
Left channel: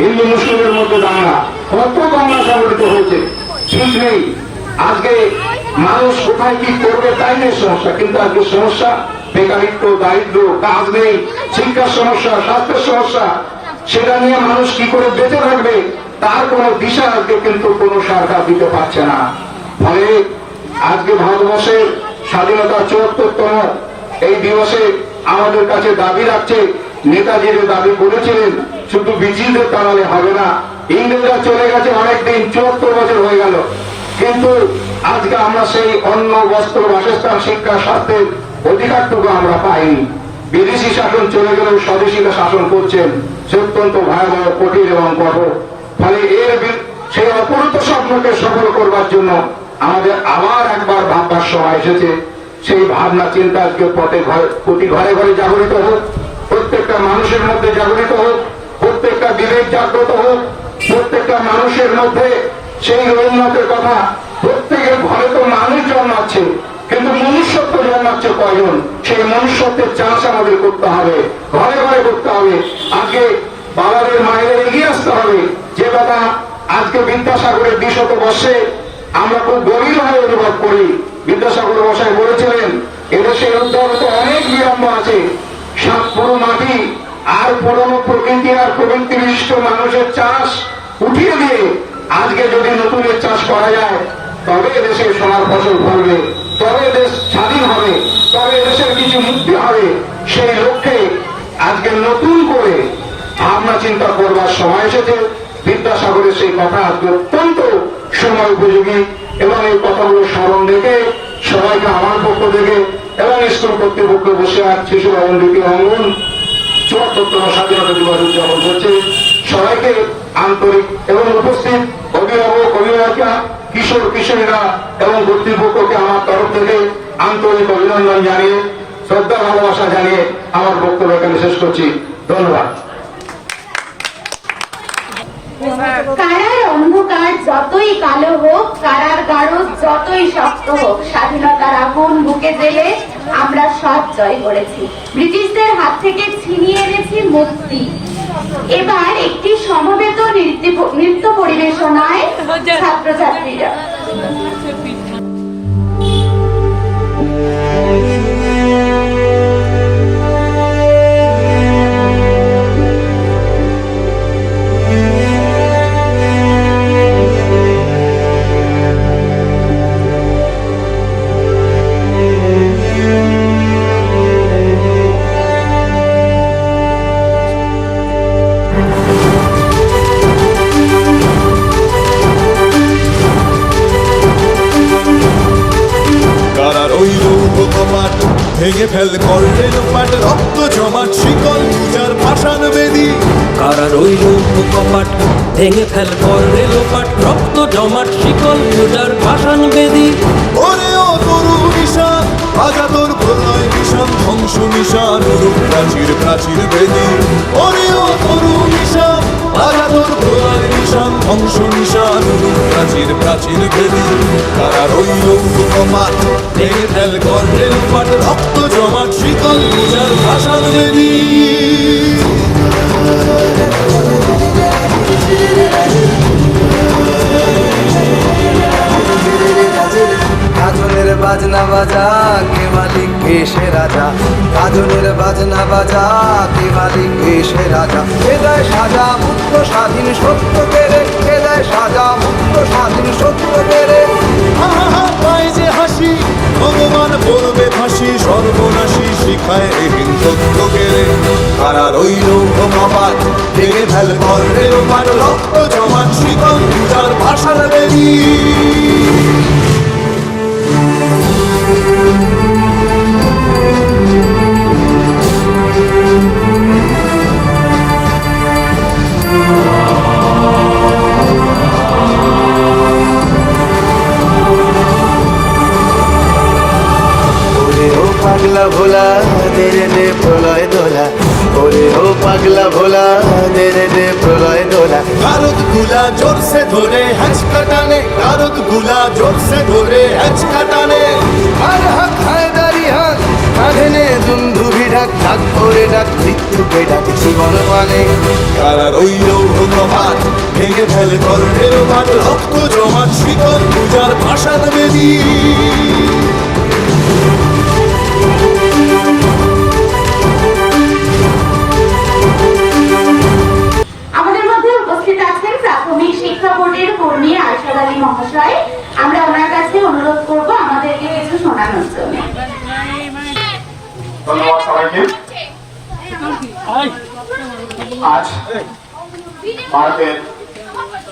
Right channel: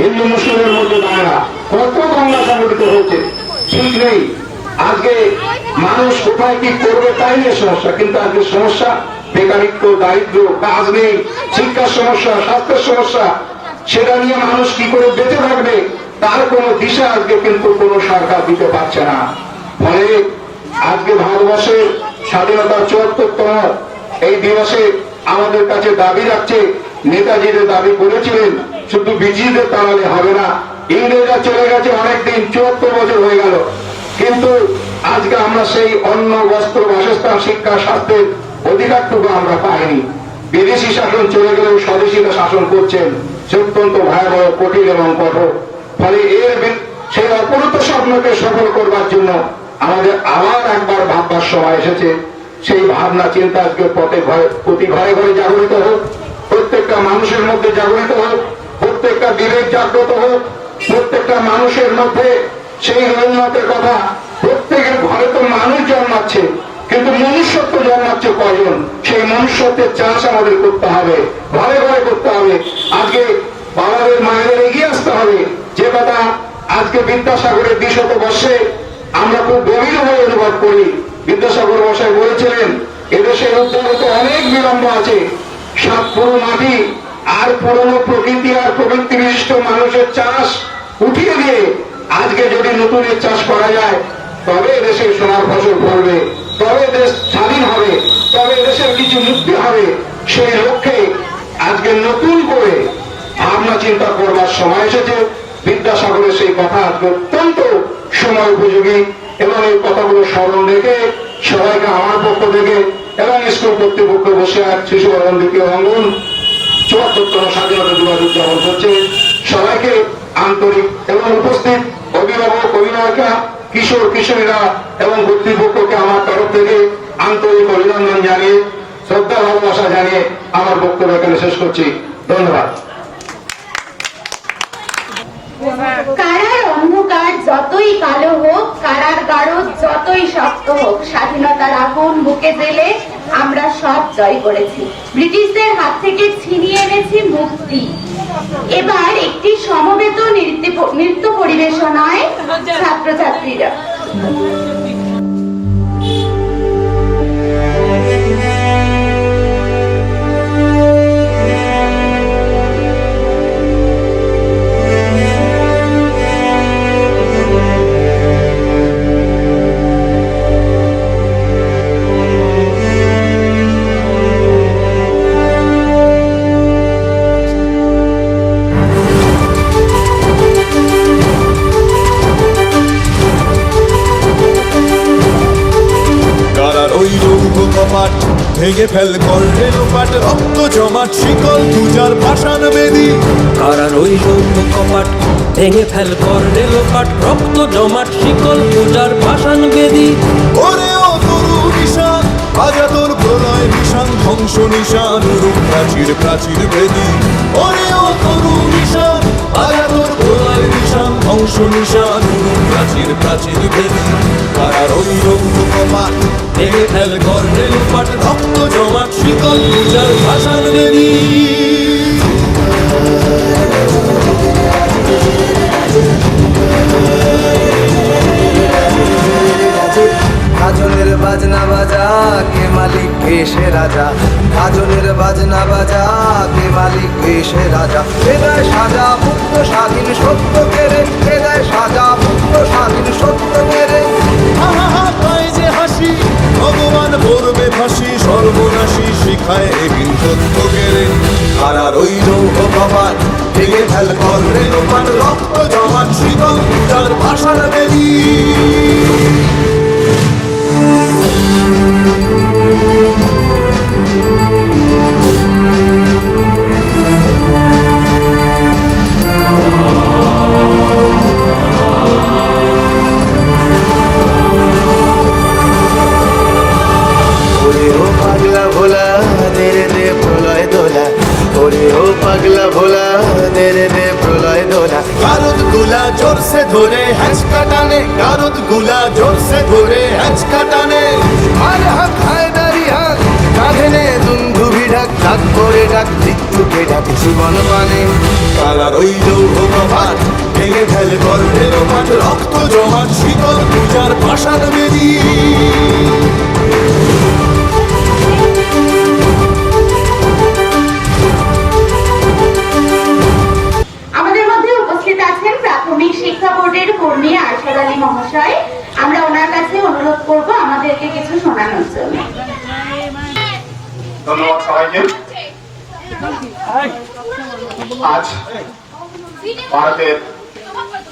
হিন্দু মুসলিমের মধ্যে দাঁড়া। কত দাঙ্গা সংগঠিত হয়েছে ঠিক নেই। আজকে মানুষ কোথায় কি করবে তাই নিয়ে সমস্যা, কিন্তু আজকে সমস্যা বেকারিত্ব, দারিদ্র, কাজ নেই, শিক্ষার সমস্যা, স্বাস্থ্যের সমস্যা। সেটা নিয়ে মানুষ কি করে বেঁচে থাকবে তার কোনো দিশা আজকে কিন্তু কোনো সরকার দিতে পারছে না। ফলে আজকে ভারতবর্ষের স্বাধীনতার ৭৪তম এই দিবসে আমাদের কাছে দাবি রাখছে, নেতাজির দাবি করেছিলেন শুধু বিজিদের তাহলে হবে না, ইংরেজরা চলে গেছে অনেকদিন, ৭৪ বছর হয়ে গেল, কিন্তু আজকে আমরা সেই অন্ন বস্ত্র বাসস্থান শিক্ষা স্বাস্থ্যের অধিকারটুকু আমরা পাইনি। বিদেশি শাসন চলে গেলেও স্বদেশীরা শাসন করছেন, সে অত্যন্ত ভয়াবহ, কঠিন এবং কঠোর। ফলে সেই অপরূপ স্বপ্নকে সফল করবার জন্য আমাদের আবার একবার ভাববার সময় এসেছে। সেই ভাবনা চিন্তা আজকে প্রতি ঘরে ঘরে জাগরিত হোক, প্রত্যেকটা মানুষের মধ্যে জাগরিত হোক, প্রত্যেকটা বিবেক জাগ্রত হোক, প্রত্যেকটা মানুষের মধ্যে সেই রবীন্দ্রনাথের কথা, প্রত্যেকের ঘরে তো মানুষ জন্মাচ্ছে, কিন্তু মনুষ্যত্ব জন্মাচ্ছে কয়জন? সেই মনুষ্যত্বের চাষ আমাদের করতে হবে, ঘরে ঘরে করতে হবে। আজকে বাবাদের মায়েদের এগিয়ে আসতে হবে। যে কথা আজকে বিদ্যাসাগরের ২০০ বর্ষে আমরা খুব গভীরভাবে অনুভব করি। বিদ্যাসাগর মশাই বলেছিলেন, এদেশের উদ্ধার তো অনেক বিলম্ব আছে, সাত পুরো মাটি আর পুরনো প্রকৃতি আর প্রবৃত্তি বিশিষ্ট মানুষের চাষ উঠিয়ে দিয়ে আজকে যদি নতুনের চাষ করা যায়, তবে এদেশে সোনার ফসল ফলবে, তবে দেশ স্বাধীন হবে, তবে এদেশের কিছু মুক্তি হবে। সেই লক্ষ্যে আজকে নতুন করে ভাবনা চিন্তা করবার সময় এসেছে। বিদ্যাসাগরের সেই কথা আজকে অত্যন্ত সময় উপযোগী, এবং এই কথাগুলো স্মরণ রেখে সবাইকে আমার পক্ষ থেকে এবং স্কুল কর্তৃপক্ষ বসে আর শিশু ভবন দ্বিতীয় অঙ্গন ৭৪তম স্বাধীনতা দিবস উদযাপন করছে, সবাইকে আন্তরিক এবং উপস্থিত অভিভাবক অভিভাবিকা কিশোর কিশোরীরা এবং কর্তৃপক্ষকে আমার তরফ থেকে আন্তরিক অভিনন্দন জানিয়ে শ্রদ্ধা ভালোবাসা জানিয়ে আমার বক্তব্য এখানে শেষ করছি। ধন্যবাদ। কারার অন্ধকার যতই কালো হোক, কারার গাঢ় যতই শক্ত হোক, স্বাধীনতার আগুন বুকে জেলে আমরা সব জয় করেছি, ব্রিটিশদের হাত থেকে ছিনিয়ে এনেছি মুক্তি। এবার একটি সমবেত নৃত্য পরিবেশনায় ছাত্রছাত্রীরা। কারার ওই লৌহ কপাট ভেঙে ফেল কর রেলোপাট, রক্ত জমাট শিকল পূজার পাষাণ বেদী। কারার ওই লৌহ কপাট ভেঙে ফেল কর রেলোপাট, রক্ত জমাট শিকল পূজার পাষাণ বেদী। ওরে ও তরু নিশান বাজা তোর প্রলয় বিষান, ধ্বংস নিশান উরুপ প্রাচীর প্রাচীর ভেদী। ওরে ও তরু নিশান বাজা তোর প্রলয় নিশান, ধ্বংস নিশান উরুপ প্রাচীর প্রাচীর ভেদী। কারার ওই লৌহ কপাট ভেঙে ফেল কর রেলোপাট, রক্ত জমাট শিকল পূজার ভাষান বেদী। গাজনের বাজনা বাজা কে মালিক কে সে রাজা, গাজনের বাজনা বাজা কে মালিক কে সে রাজা। কে দেয় সাজা মুক্ত স্বাধীন সত্য কেড়ে, কে দেয় সাজা মুক্ত স্বাধীন সত্য কেড়ে। হা হা হা পায় যে হাসি, ভগবান পড়বে ফাঁসি, সর্বনাশী শিখায় এহীন তথ্য কেড়ে। কারার ওই লৌহ কপাট ভেঙে ফেল কর রেলোপাট, রক্ত জমাট শিকল পূজার ভাষার বেদী। পাগলা ভোলা দেরে দে প্রলয় দোলা, ওরে ও পাগলা ভোলা দেরে দে প্রলয় দোলা। গারদ গুলা জোরসে ধরে হ্যাচকা টানে, গারদ গুলা জোরসে ধরে হ্যাচকা টানে। মার হাক হায়দারি হাক কাঁধে নে দুন্ধুভি ডাক, ডাক করে ডাক মৃত্যুকে ডাক জীবন পানে। কারার ওই লৌহ কপাট ভেঙে ফেল কর রেলোপাট, রক্ত জমাট শিকল পূজার ভাষার বেদী। আমাদের মধ্যে উপস্থিত আছেন প্রাথমিক শিক্ষা বোর্ডের কর্মী আরশাদ আলী মহাশয়। আমরা ওনার কাছে কাছে অনুরোধ করবো আমাদেরকে কিছু শোনানোর জন্য। ধন্যবাদ সবাইকে। আজ ভারতের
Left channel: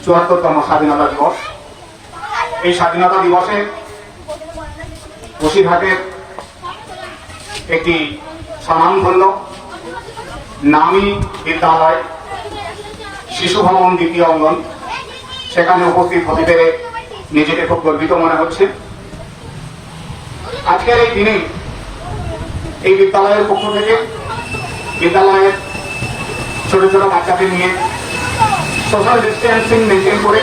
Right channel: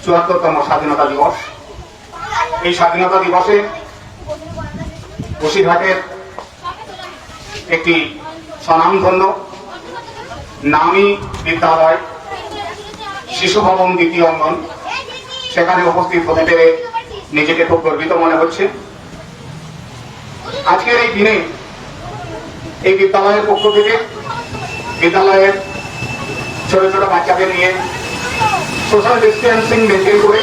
৭৪তম স্বাধীনতা দিবস। এই স্বাধীনতা দিবসে বসিরহাটের একটি স্বনামধন্য নামী বিদ্যালয় শিশু ভবন দ্বিতীয় অঙ্গন, সেখানে উপস্থিত হতে পেরে নিজেকে খুব গর্বিত মনে হচ্ছে। আজকের এই দিনে এই বিদ্যালয়ের পক্ষ থেকে বিদ্যালয়ের ছোট ছোট বাচ্চাদের নিয়ে সোশ্যাল ডিস্টেন্সিং মেনটেন করে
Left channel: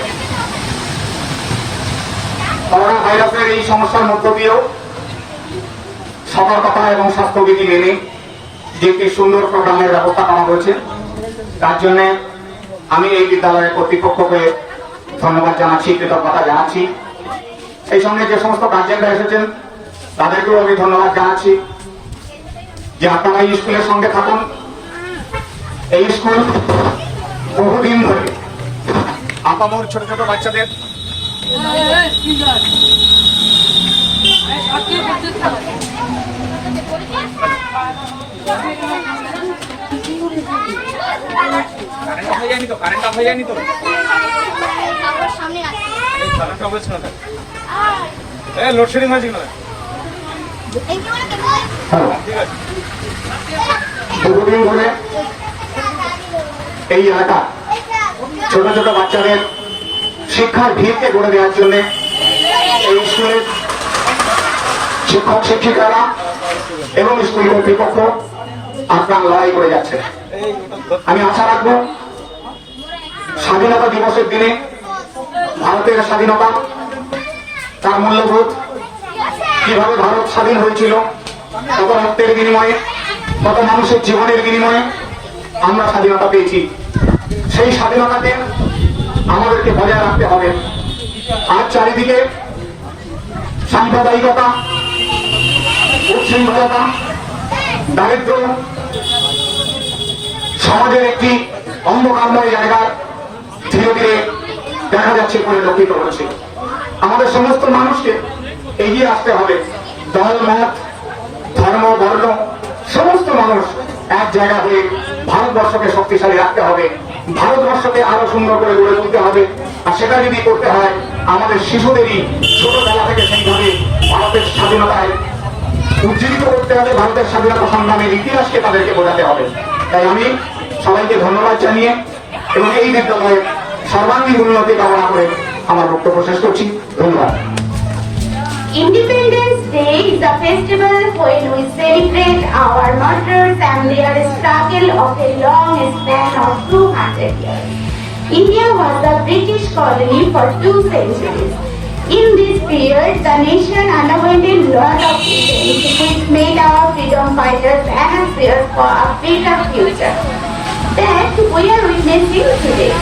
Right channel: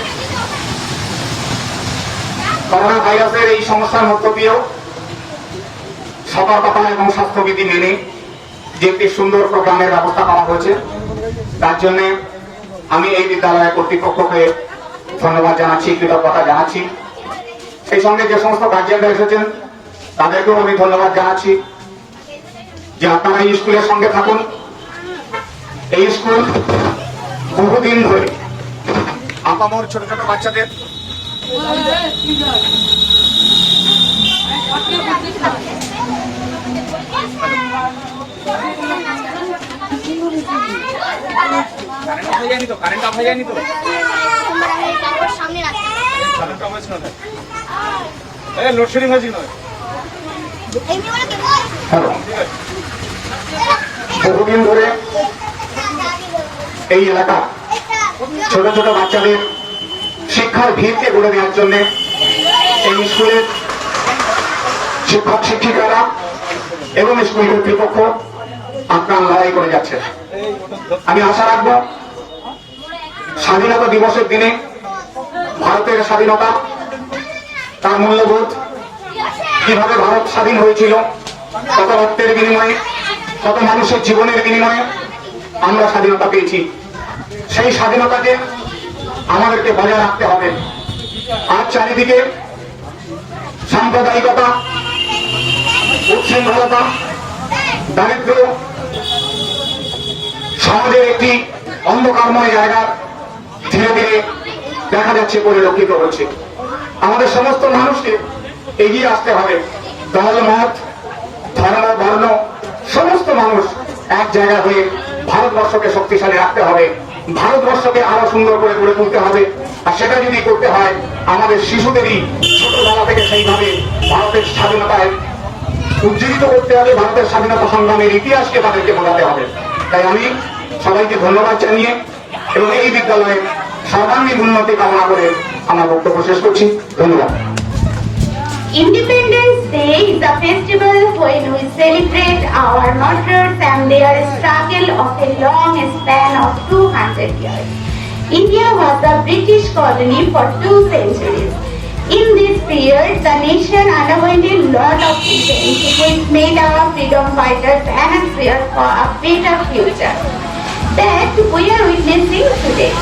করোনা ভাইরাসের এই সমস্যার মধ্য দিয়েও সতর্কতা এবং স্বাস্থ্যবিধি মেনে যে একটি সুন্দর প্রোগ্রামের ব্যবস্থা করা হয়েছে, তার জন্য আমি এই বিদ্যালয়ের কর্তৃপক্ষকে ধন্যবাদ জানাচ্ছি, কৃতজ্ঞতা জানাচ্ছি। সেই সঙ্গে যে সমস্ত গার্জিয়ানরা এসেছেন তাদেরকেও আমি ধন্যবাদ জানাচ্ছি যে আপনারা এই স্কুলের সঙ্গে থাকুন। এই স্কুল বহুদিন ধরে আপামর ছোট ছোট বাচ্চাদের লোডশেডিং হয়েছিল বহুদিন ধরে এই এলাকা ছোট ছোট বাচ্চাদের শিক্ষার ভিড়কে গড়ে দেওয়ার জন্য এই স্কুলের শিক্ষক শিক্ষিকারা এবং স্কুল কর্তৃপক্ষ আপনার লড়াই করে যাচ্ছে। আমি আশা রাখবো স্বাধীনতা দিবসের দিনে ভারতের স্বাধীনতা, তার মূল্যবোধ, কিভাবে ভারত স্বাধীন হয়েছিল, কত রক্তের বিনিময়ে, কত মানুষের জীবনের বিনিময়ে আমরা স্বাধীনতা পেয়েছি। সেই স্বাধীনতাকে আমাদেরকে বজায় রাখতে হবে। আজ চারিদিকে সাম্প্রদায়িকতা, উচ্ছৃঙ্খলতা, দারিদ্র সমাজের একটি অন্ধকারময় জায়গা ধীরে ধীরে দেখা যাচ্ছে, পরিলক্ষিত হচ্ছে। আমাদের সমস্ত মানুষকে এগিয়ে আসতে হবে। দল মত ধর্ম বর্ণ সমস্ত মানুষ এক জায়গা হয়ে ভারতবর্ষকে শক্তিশালী রাখতে হবে, ভারতবর্ষকে আরো সুন্দর করে গড়ে তুলতে হবে। আর সেটা যদি করতে হয় আমাদের শিশুদেরই ছোটবেলা থেকে সেইভাবে ভারতের স্বাধীনতায় উজ্জীবিত করতে হবে, ভারতের স্বাধীনতা সংগ্রামের ইতিহাসকে তাদেরকে বোঝাতে হবে। তাই আমি সবাইকে ধন্যবাদ জানিয়ে এবং এই বিদ্যালয়ের সর্বাঙ্গীন উন্নতি কামনা করে আমার বক্তব্য শেষ করছি। ধন্যবাদ। Independence Day is a festival when we celebrate our martyrs and their struggle of a long span of 200 years. India was a British colony for 2 centuries. In this period, the nation underwent a lot of events which made our freedom fighters anxious for a better future that we are witnessing today.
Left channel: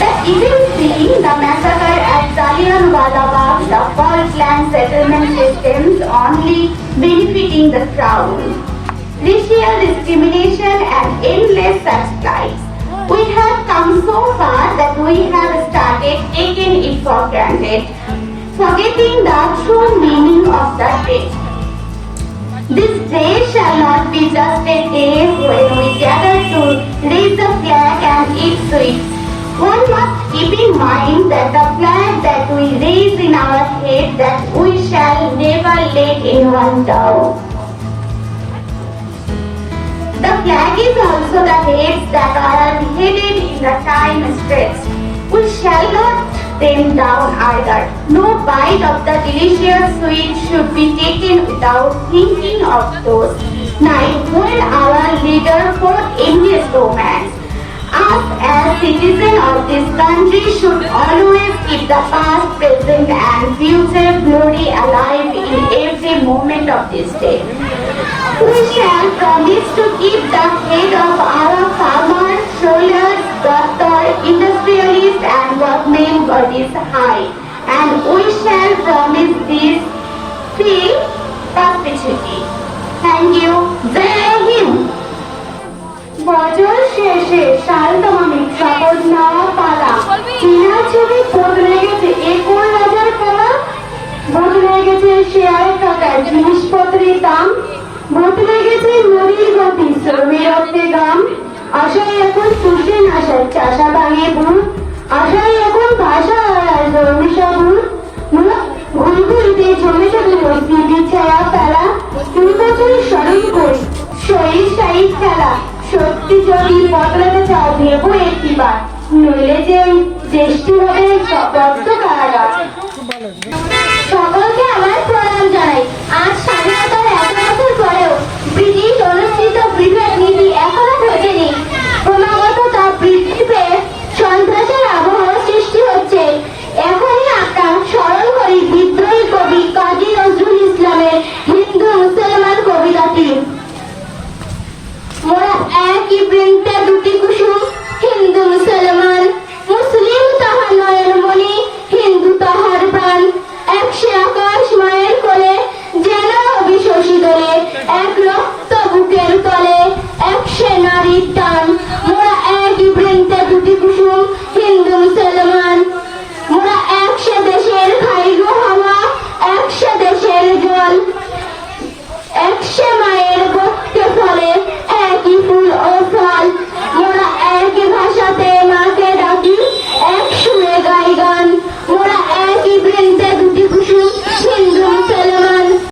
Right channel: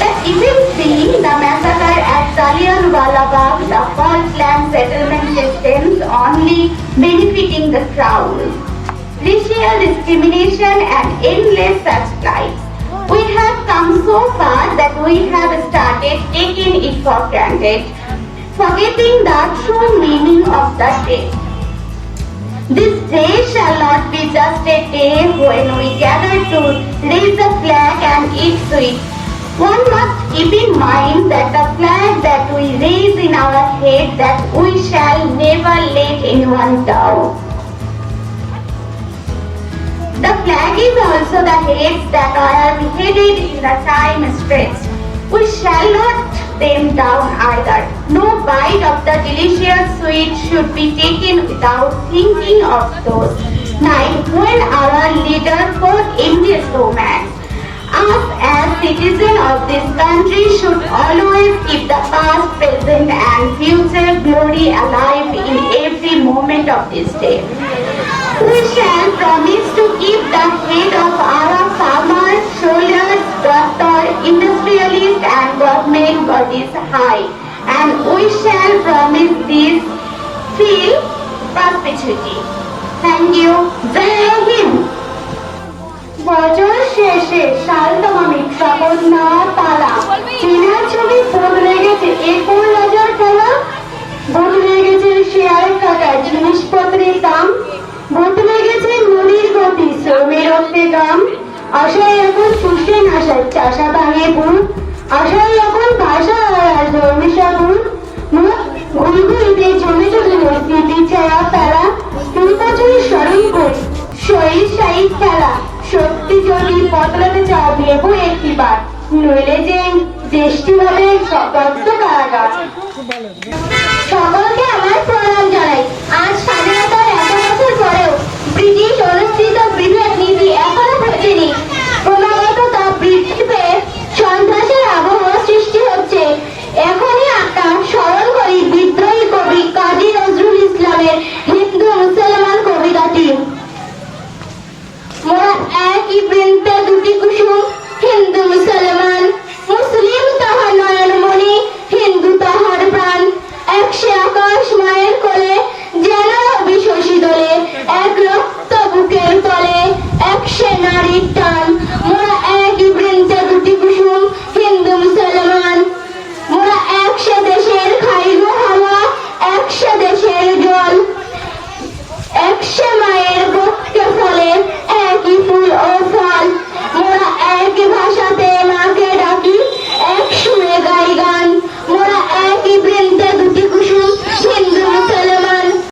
The events being the massacre at Jallianwala Bagh, the false land settlement systems only benefiting the crown, racial discrimination and endless such lives. We have come so far that we have started taking it for granted, forgetting the true meaning of the day. This day shall not be just a day when we gather to raise the flag and eat sweets. One must keep in mind that the flag that we raise in our head, that we shall never let anyone down. The flag is also the heads that are beheaded in the time stretched. We shall not them down either. No bite of the delicious sweet should be taken without thinking of those nights when our leader fought endless romance. Us as citizens of this country should always keep the past, present and future glory alive in every moment of this day. We shall promise to keep the head of our farmers, soldiers, doctors, industrialists and government bodies high, and we shall promise this till perpetuity. Thank you. Jai Hind. বছর শেষে সালদমামিক সকল না পালা চীনা ছবি বদলে গেছে এরপর রাজার পালা। চাষা ভাঙে ভূত আশাই এখন ভাষা আর জমি সাধু ঘুরি ঘুরিতে জমে জমে মসজিদের ছায়া ফেলা তুমি বছরের স্মরণ করি শরীর শাহী খেলা সত্যি যদি বদলাতে চাও ভেবো একটিবার নইলে যে দেশটি হবে সপত্ত কারাগার